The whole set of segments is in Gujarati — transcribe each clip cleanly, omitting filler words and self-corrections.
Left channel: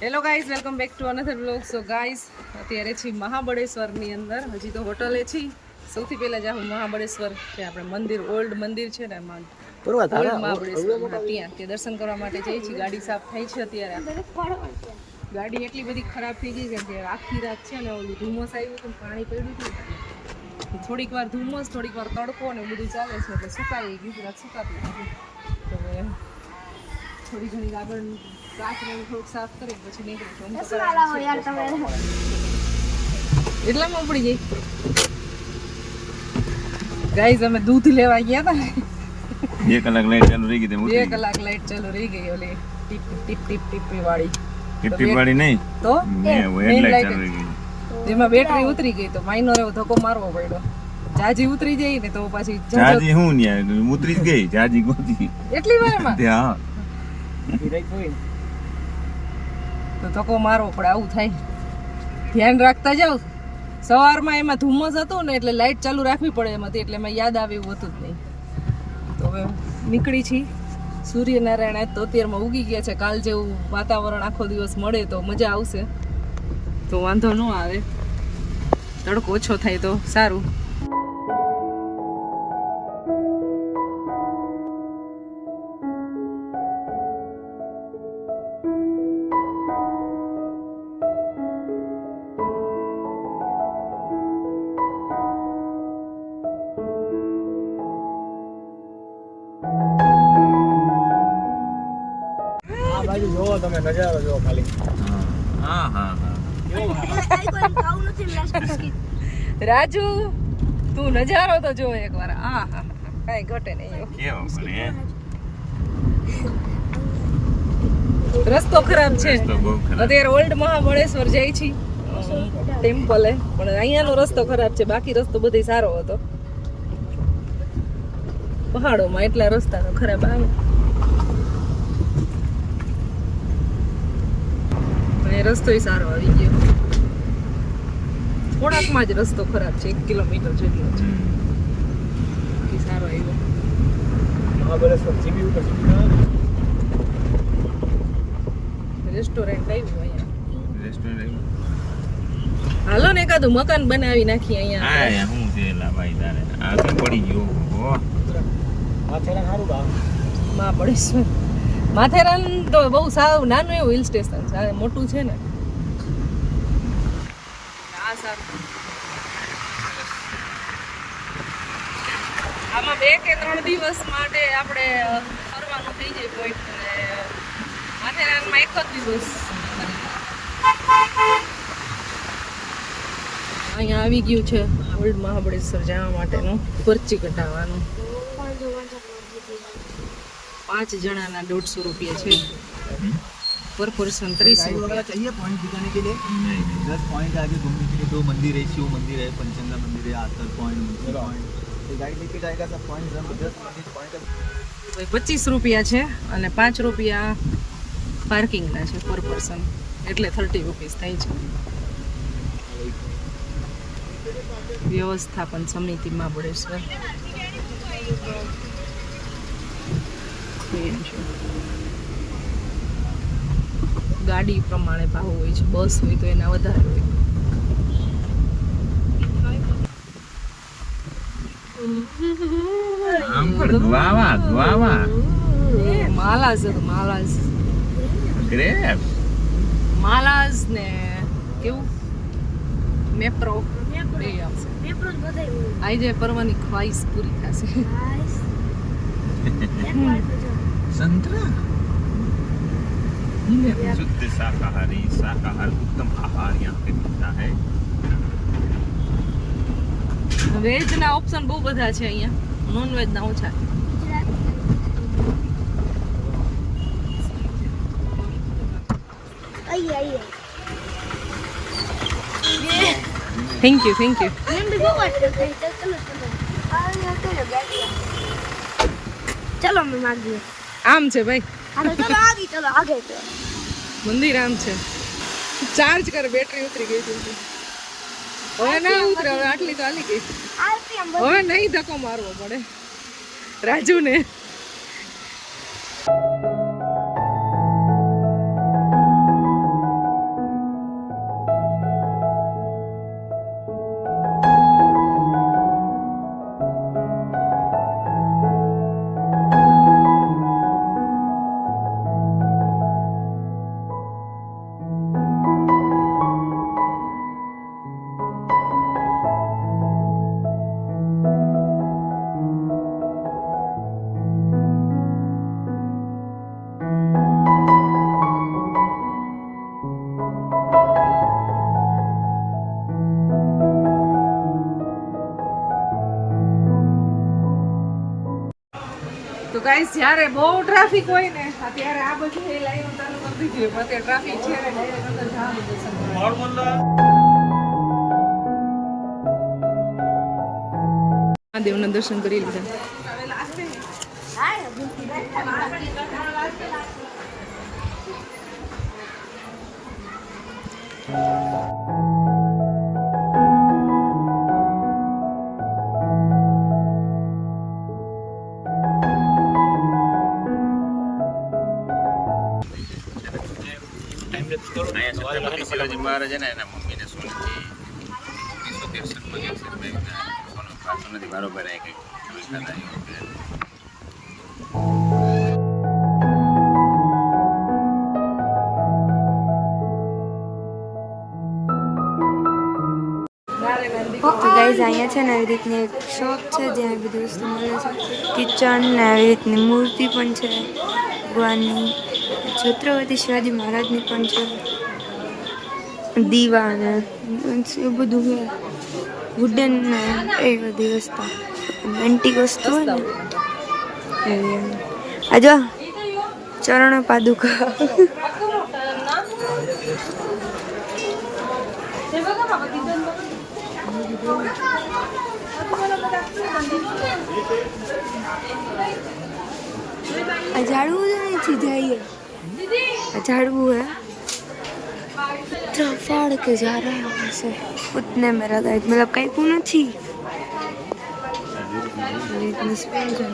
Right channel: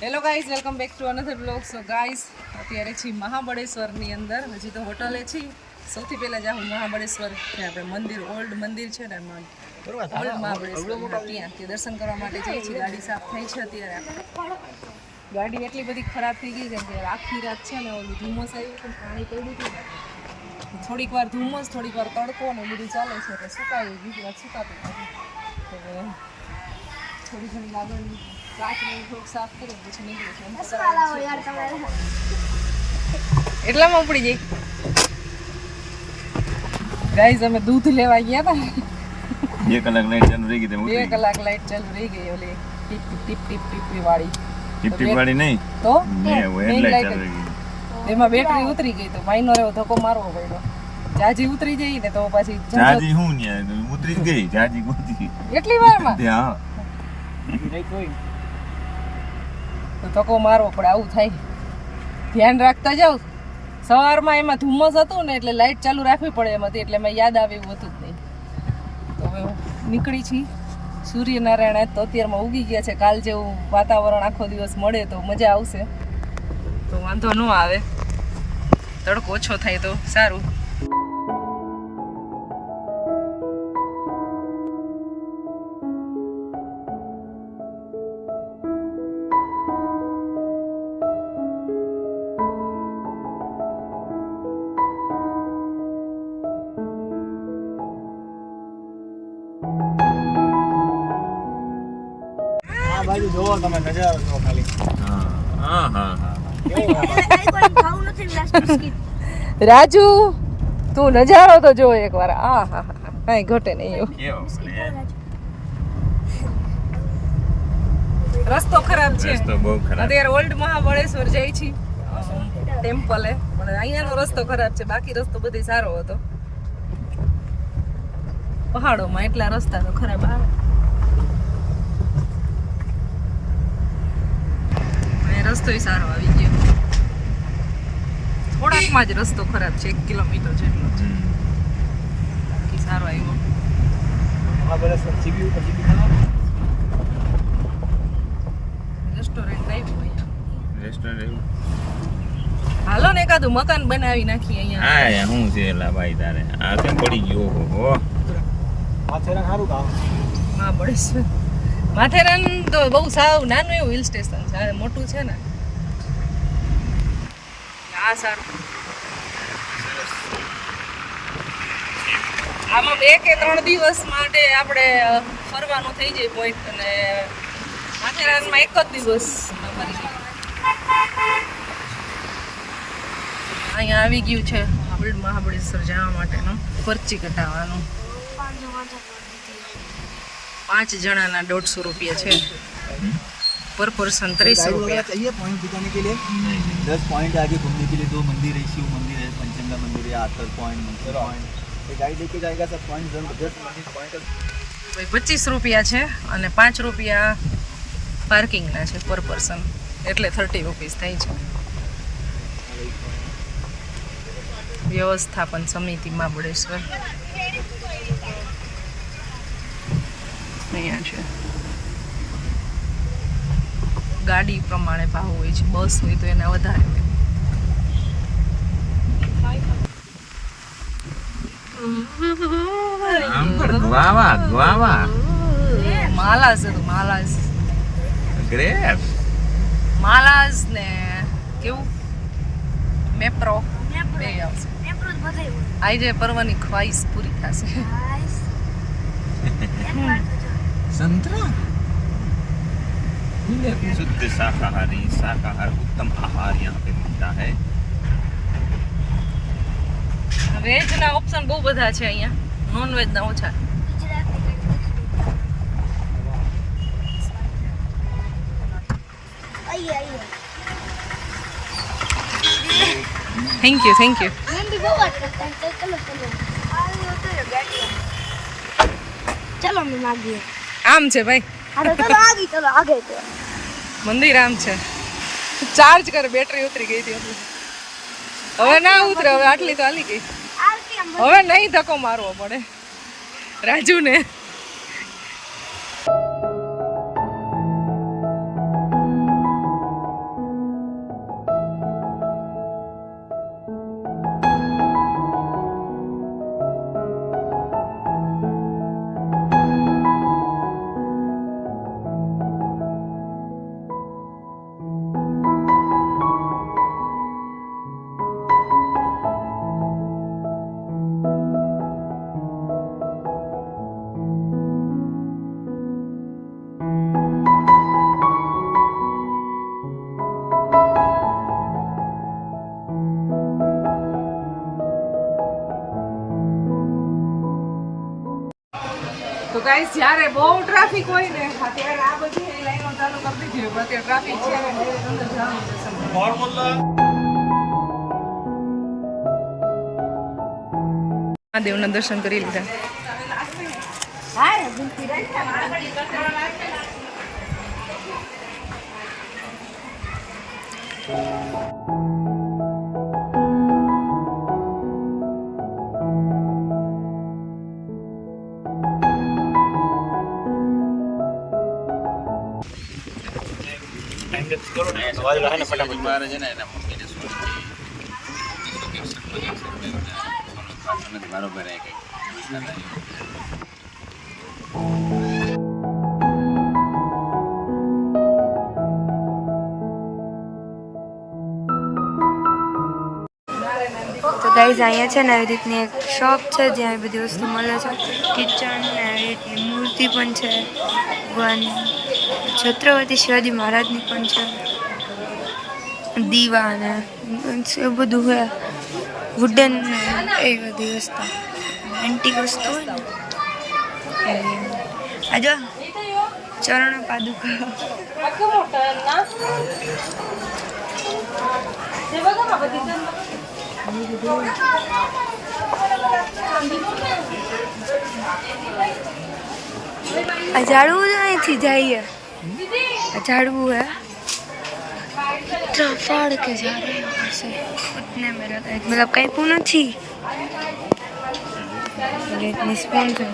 Hello guys, welcome back to another vlog. So guys, અત્યારે છીએ મહાબળેશ્વરની અંદર. હજી તો હોટલે છીએ. સૌથી પહેલાં જાઉં મહાબળેશ્વર, ત્યાં આપણે મંદિર, ઓલ્ડ મંદિર છે ને એમાં ઓલ્ડ મહાબળેશ્વર, ત્યાં તે દર્શન કરવા માટે જઈએ છીએ. ગાડી સાફ થાય છે અત્યારે. ગાડી એટલી બધી ખરાબ થઈ ગઈ છે કે આખી રાત છે ને ઓલું ધુમ્મસ આવ્યું હતું, પાણી પડ્યું હતું. થોડીક વાર ધુમ્મસ, થોડીક વાર તડકો ને બધું ચાલે છે એટલે સુકાઈ ગઈ રાત, સુકાતું નથી. તો હવે થોડી ઘણી આગળની કાચ ને થોડુંક સાફ કરી પછી નીકળે છે. એટલામાં ઉપડી જઈ ગાઈઝ, અમે દૂધ લેવા ગયા હતા. 2 કલાક લાઈટ ચાલુ રહી ગઈ. 2 કલાક લાઈટ ચાલુ રહી ગઈ. ઓલી ટીપ ટીપ ટીપ ટીપ વાળી વાળી નહીં તો મેઇન લાઈટ ચાલુ રહી ગઈ. એમાં બેટરી ઉતરી ગઈ તો માઇનો એવો ધક્કો મારવો પડ્યો. જાજી ઉતરી જાય ને તો પછી જાજી હું ન્યા ઉતરી જ ગઈ. જાજી ગોતી એટલી વારમાં હા તો ધક્કો મારવો પડે. આવું થાય, ધ્યાન રાખતા જાવ. સવારમાં એમાં ધુમ્મસ હતું ને એટલે લાઈટ ચાલુ રાખવી પડે એમ હતી, એટલે એમાં યાદ આવે એવું હતું જ નહીં. તો હવે નીકળી છીએ. સૂર્યનારાયણ આજ તો અત્યારમાં ઉગી ગયા છે. કાલ જેવું વાતાવરણ આખો દિવસ મળે તો મજા આવશે. તો વાંધો ન આવે, તડકો ઓછો થાય તો સારું. જોવો તમે નજારો જોવો ખાલી. રાજુ, તું નજારો તો જો એકવાર. આ હા હા, કઈ ઘટે નહીં. રસ્તો ખરાબ છે અત્યારે. ઓલ્ડ મહાબળેશ્વર જાય છે ટેમ્પલે, પણ અહીંયાનો રસ્તો ખરાબ છે. બાકી રસ્તો બધો સારો હતો. પહાડોમાં એટલા રસ્તા તો ખરાબ આવે. રસ્તો સારો આવી ગયો. થોડાકમાં જ રસ્તો ખરાબ છે, 1 કિલોમીટર જેટલો છે. બાકી સારો આવ્યો. રેસ્ટોરન્ટ આવ્યું અહીંયા. હાલો ને એકાદું મકાન બનાવી નાખી અહીંયા. હા હું છે એલા ભાઈ તારે આ કેમ પડી ગયો? માથેરાન સારું ગામ. મહાબળેશ્વર માથેરાન તો બહુ સાવ નાનું એવું હિલ સ્ટેશન છે. મોટું છે ને આ સારું. આમાં 2 કે 3 દિવસ માટે આપણે ફરવાનું થઈ જાય પોઈન્ટ. અને માથેરાનમાં 1 જ દિવસ. અહીંયા આવી ગયું છે ઓલ્ડ મહાબળેશ્વર જવા માટેનું પરચી કટાવવાનું. 5 જણાના 150 રૂપિયા છે. पर पर्सन 30 रुपया चाहिए पॉइंट दिखाने के लिए. 10 पॉइंट आगे घूमने के लिए 2 मंदिर है. शिव मंदिर है, पंचंगा मंदिर है, आतल पॉइंट. ये गाइड लेके जाएगा सब पॉइंट. 10 पॉइंट 25 રૂપિયા છે અને 5 રૂપિયા પાર્કિંગના છે પર પર્સન, એટલે 30 રૂપીસ થાય છે. વ્યવસ્થાપન સમિતિ મહાબળેશ્વર અહીંયા છે. ગાડી પ્રમાણે ભાવ હોય છે. બસ હોય તો એના વધારે હોય. માલાઝ હતું, માલાઝ માલાઝ ને કેવું મેપ્રો બે આવશે. આજે પરવાની ખ્વાઈશ પૂરી થશે. संतरा शुद्ध शाकाहारी उत्तम आहार यहाँ पे मिलता है. વેજ ના ઓપ્શન બહુ બધા છે અહીંયા, નોન વેજ ના ઓછા. Thank you thank you. चलो मैं मांगिए. આમ છે ભાઈ, चलो आगे चलो आगे. મંદિર આમ છે. ચાર્જ કર, બેટરી ઉતરી ગઈ હતી. હવે ના ઉતરે, હવે આટલી તો હાલી ગઈ. હવે નહીં ધક્કો મારવો પડે રાજુને. ગાઈસ જ્યારે બહુ ટ્રાફિક હોય ને ત્યારે આ બધી લાઈનો ચાલુ કરી દીધી હોય અત્યારે ટ્રાફિક છે ને ડાયરેક્ટ અંદર જવાનું દર્શન મહાદેવના દર્શન કરી લીધા. શિવાજી મહારાજ છે ને એના મમ્મીને સોનાથી 1963 સોનાથી બરોબર કંઈક પૂછતા હતા. તો ગાઈઝ અહીંયા છે ને આવી રીતની એક શોપ છે જ્યાં આવી બધી વસ્તુ મળે છે. કિચન ને આવી રીતની મૂર્તિ પણ છે ભગવાનની, છત્રપતિ શિવાજી મહારાજની પણ છે, દીવા ને એ બધું છે, વુડન ને એ બધી વસ્તુ એન્ટિક વસ્તુ હોય ને એ. આ જો ચરણ પાદુકા આ ઝાડવું જ અહીંથી જઈએ, આ ઝાડવું है फाड़ के जा रहे हैं वहाँ से उतने मेरा मतलब कहीं पूर्ण थी इतनी स्पून थे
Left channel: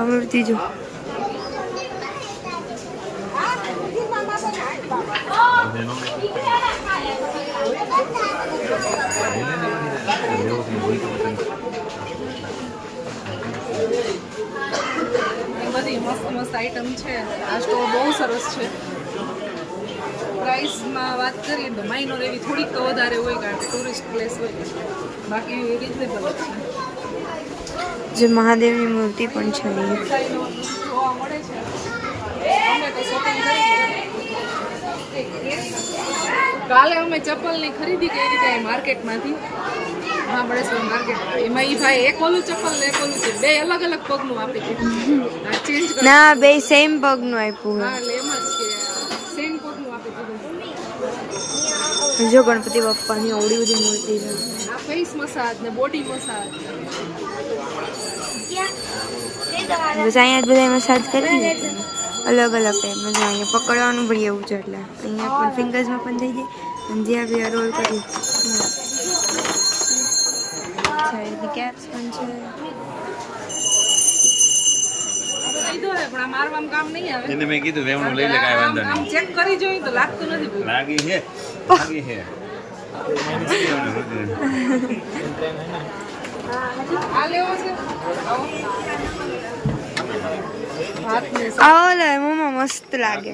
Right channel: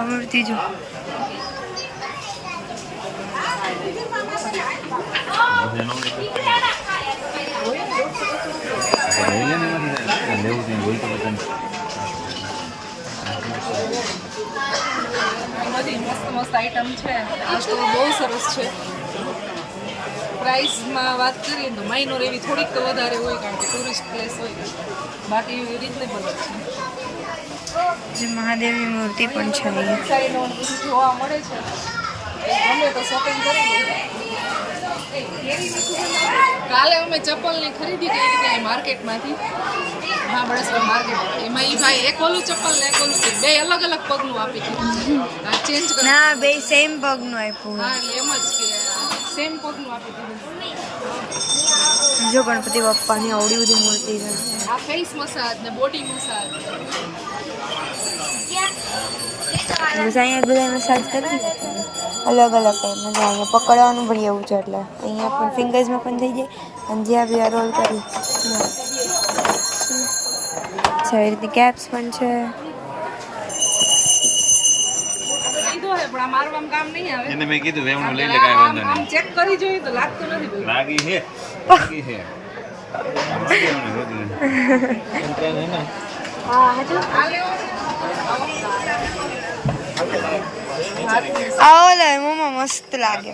आवड़ती जो બધી મસ્ત મસ્ત આઈટમ છે. આ સ્ટોર બહુ સરસ છે. પ્રાઇસમાં વાત કરીએ તો માઇનોર એવી થોડીક તો વધારે હોય કારણ કે ટુરિસ્ટ પ્લેસ હોય ને, બાકી રિઝનેબલ જ છે. जो महादेव की मूर्ति पण છે અહીંયા સાઈનો જોવા મળે છે. અમે તો શોપિંગ કરી કાલે અમે ચપ્પલની ખરીદી કરી હતી માર્કેટમાંથી, મહાબળેશ્વર માર્કેટમાં. એમાં એ ભાઈ એક ઓલું ચપ્પલ ને એક ઓલું બે અલગ અલગ પગનું આપી દીધું છે. ચેન્જ કરી ના બે સેમ પગનું આપ્યું. હા એટલે એમ જ કે સેમ પગનું આપી દીધું. જો ગણપતિ બાપ્પાની આવડી બધી મૂર્તિ છે. આ ફેસ મસાજ ને બોડી મસાજ. બસ અહીંયા જ બધા મસાજ કરી દેતા ને અલગ અલગ ટાઈપમાં. અહીંયા પકડવાનું પણ એવું છે એટલે અહીંયા પણ ફિંગર્સમાં પણ થઈ જાય અને જ્યાં બી આ રોલ કરી છે એ રીતે કેપ્સ પણ છે. કીધું હે પણ આ મારવાનું કામ નહીં આવે. એને મેં કીધું વેમણું લઈ લે કાંઈ વાંધો આમ ચેક કરી જોઈએ તો લાગતું નથી કોઈ. લાગી હે આ લેવું છે. આ ઓલા મોમાં મસ્ત લાગે.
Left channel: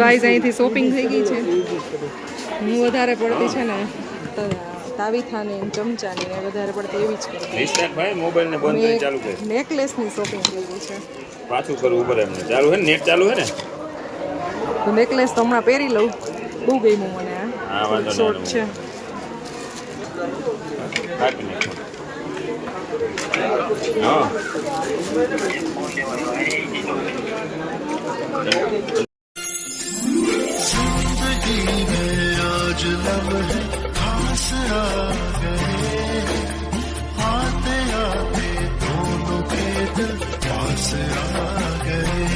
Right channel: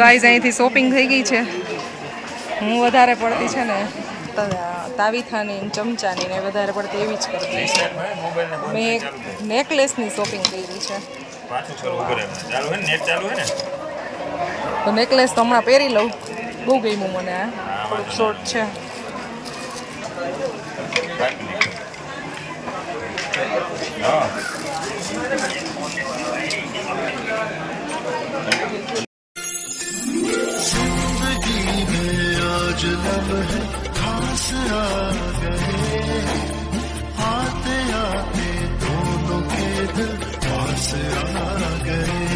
ગાઈઝ અહીંથી શોપિંગ થઈ ગઈ છે. હું વધારે પડતી છે ને તાવીથાની ચમચાની ને વધારે પડતી એવી જ કરતી મેં નેકલેસની શોપિંગ કરી છે. તો નેકલેસ તો હમણાં પહેરી લઉં. બહુ ગમ્યું મને. આ થોડુંક શોર્ટ છે. आज लम्हे खास आ गए, आते आते दोनों के दिल पास आ गए.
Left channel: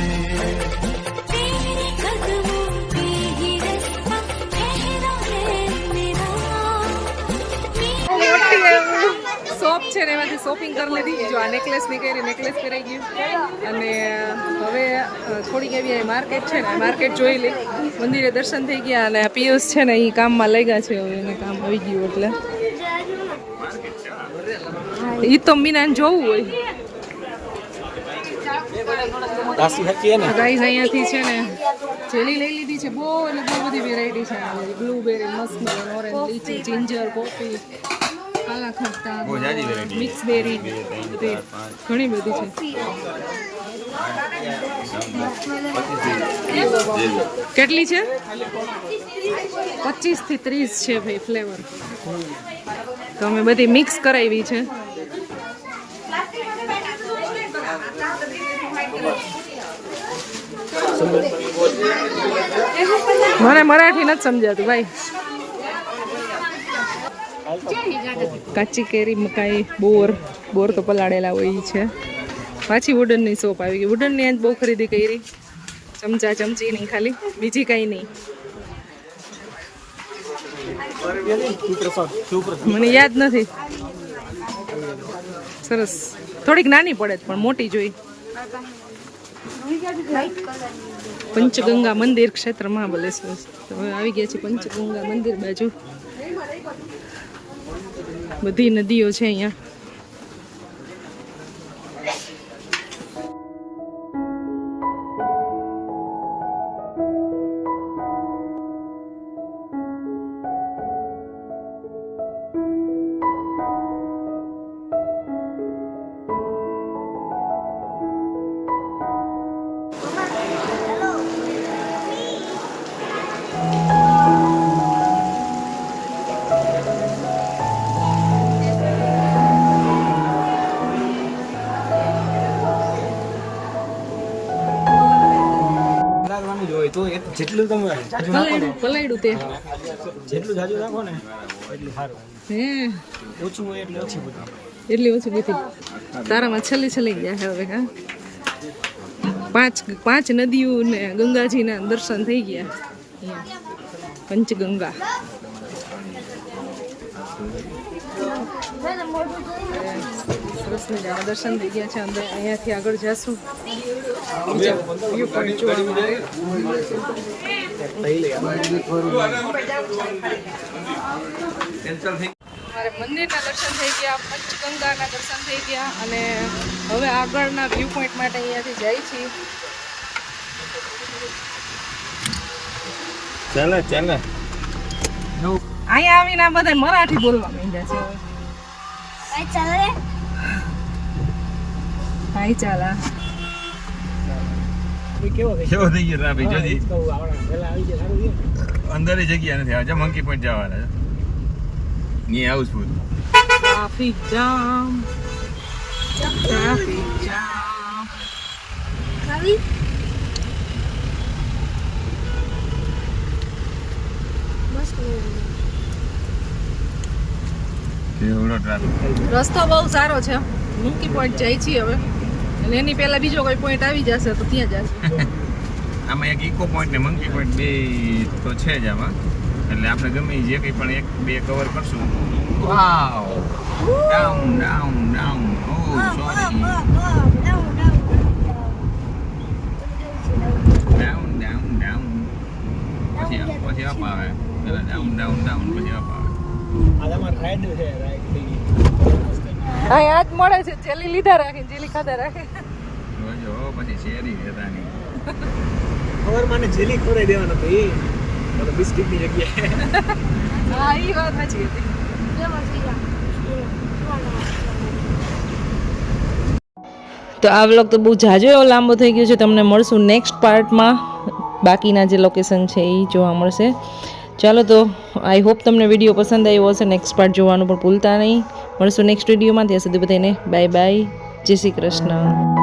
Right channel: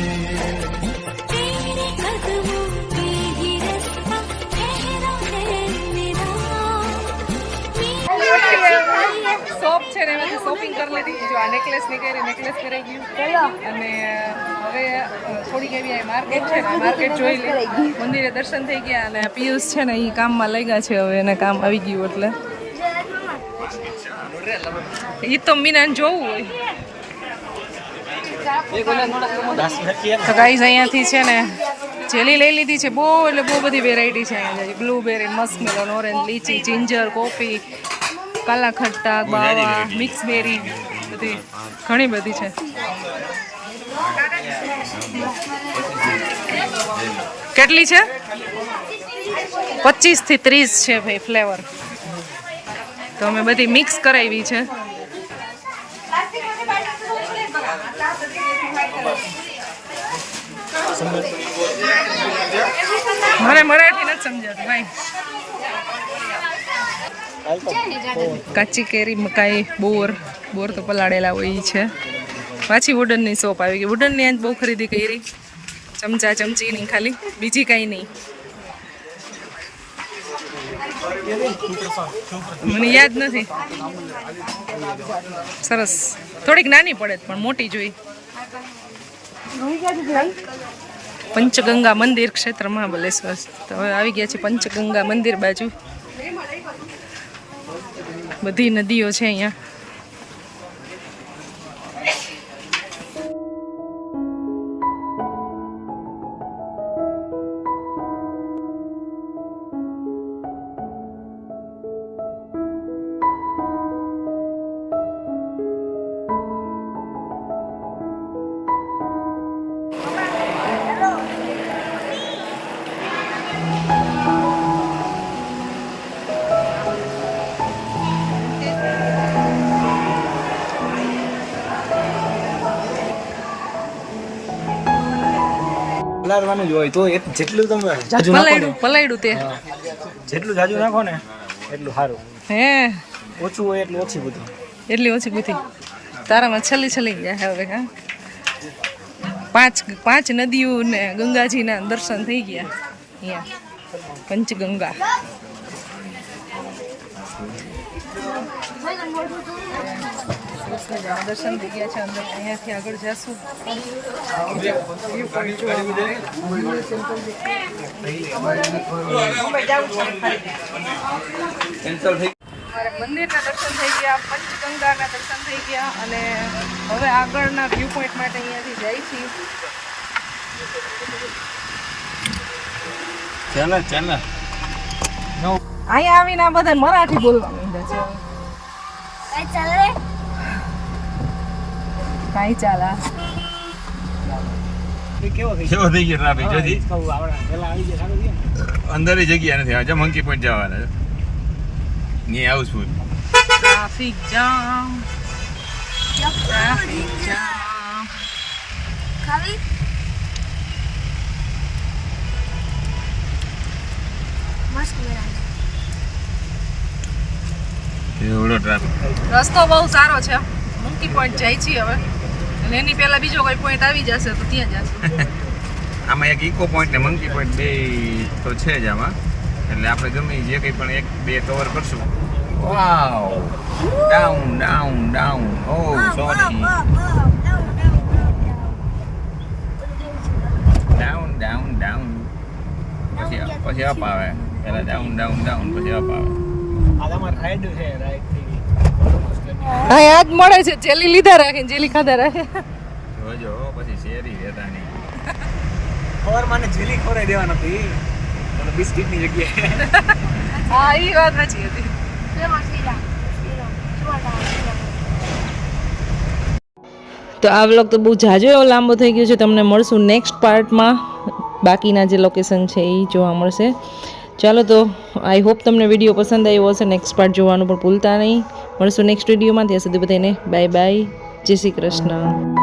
तेरे कदमों पे ही रास्ता ठहरा है मेरा. શોપ છે ને એમાંથી શોપિંગ કરી લીધી. જો આ નેકલેસ ની કરી નેકલેસ પહેરાઈ ગયું અને હવે થોડીક એવી માર્કેટ છે ને માર્કેટ જોઈ લઈ. મંદિરે દર્શન થઈ ગયા અને પિયુષ છે ને એ કામમાં લઈ ગયા છે. હવે એને કામ આવી ગયું એટલે એ તો મીનાને જોવું હોય. તો ગાઈઝ અહીંયાથી છે ને જેલી લઈ લીધી છે. બહુ એટલે બહુ બધી વેરાયટી છે અહીંયા. બ્લુબેરી, મસ્કમેલન, ઓરેન્જ, લીચી, જિંજર, કોફી, કાલા ખટ્ટા, બાવા, મિક્સ બેરી, બધી ઘણી બધી છે. કેટલી છે? 25 થી 30 છે ભાઈ ફ્લેવર. તો અમે બધી મિક્સ કરાવી છે. મને મરાઠી નથી સમજાતું ભાઈ. કાચી કેરી, મકાઈ, બોર તો પલાળેલા હોય ઈ છે. પાછી વુડનની શોપ આવી ગઈ. વુડનની આજ બહુ ખરીદી કરી, ચમચા ચમચીની ખાલી, બીજી કાંઈ નહીં. મને યાદ નથી. સરસ, થોડીક નાની પડે પણ મોટી જોઈ. પંચગંગા મંદિર ક્ષેત્ર મહાબલેશ્વર. તો હવે આવી ગયા છે પંચગંગા મંદિર બાજુ. બધી નદીઓ છે અહીંયા. તો જેટલું તમે પલાયડું તે જેટલું જાજુ નાખો ને એટલું સારું. હે ઓછું હોય એટલું ઓછી બુદ્ધિ. એટલી ઓછી બુદ્ધિ તારામાં છલી ગયા હવે. હા, પાંચ નદીઓ ને ગંગાજીના દર્શન થઈ ગયા અહીંયા પંચગંગા. સરસ મજાના દર્શન થઈ ગયા છે. અંદર અહીંયાથી આગળ જશું. વ્યૂ પોઈન્ટ જોવા માટે. અમારે મંદિરના દર્શન થઈ ગયા, પંચગંગાના દર્શન થઈ ગયા અને હવે આગળના વ્યૂ પોઈન્ટ માટે અહીંયાથી જાય છીએ. ચાલો અહીંયા આવીને આ બધા મરાઠી બોલવા માંડ્યા છે. કાંઈ ચાલા કેવો થઈ ગયો ટ્રાફિક જોથી અંદર જગ્યા નથી. હવે મંકી પોઈન્ટ જવાના ની હાઉસફુલ. Traffic jam. ખાવી મસ્ત મેળા. એવડો ટ્રાફિક. રસ્તો બહુ સારો છે. મંકી પોઈન્ટ જાય છીએ હવે અને એની પહેલા બીજો કોઈ પોઈન્ટ આવી જશે તો ત્યાં જશું. આમાં એક ઇકો પોઈન્ટ ને મંકી પોઈન્ટ બે તો છે જ આમાં. એટલે આપણે ગમે જે કંઈ પણ એક બે કવર કરશું. વાવ, ડાઉન. ઓ સોરી, ડાઉન. પછી અપ આવે. પહેલા ડાઉન પછી અપ આવે. આ તમારે રાઈડ છે, રાઈડ થઈ ગઈ. હા, યાદ મળે છે. જેલી લીધા રાખે, જેલી ખાધા રાખે. જોજો પછી શેરી રહેતા નહીં. ખબર મને જેલી ખવડાવી દેવા નથી, બિસ્કિટની જગ્યાએ. હા, એ વાત સાચી હતી. તો આ વ્લોગ તો બહુ જાજો એવો લાંબો થઈ ગયો છે. તમને મળશું નેક્સ્ટ પાર્ટમાં. બાકીના જે લોકેશન છે એ જોવા મળશે. ચાલો તો આઈ હોપ તમને વિડીયો પસંદ આવ્યો હશે. નેક્સ્ટ પાર્ટ જોવાનું પણ ભૂલતા નહીં. મળશું નેક્સ્ટ વિડીયોમાં. ત્યાં સુધી બધાને બાય બાય. જય શ્રી કૃષ્ણ.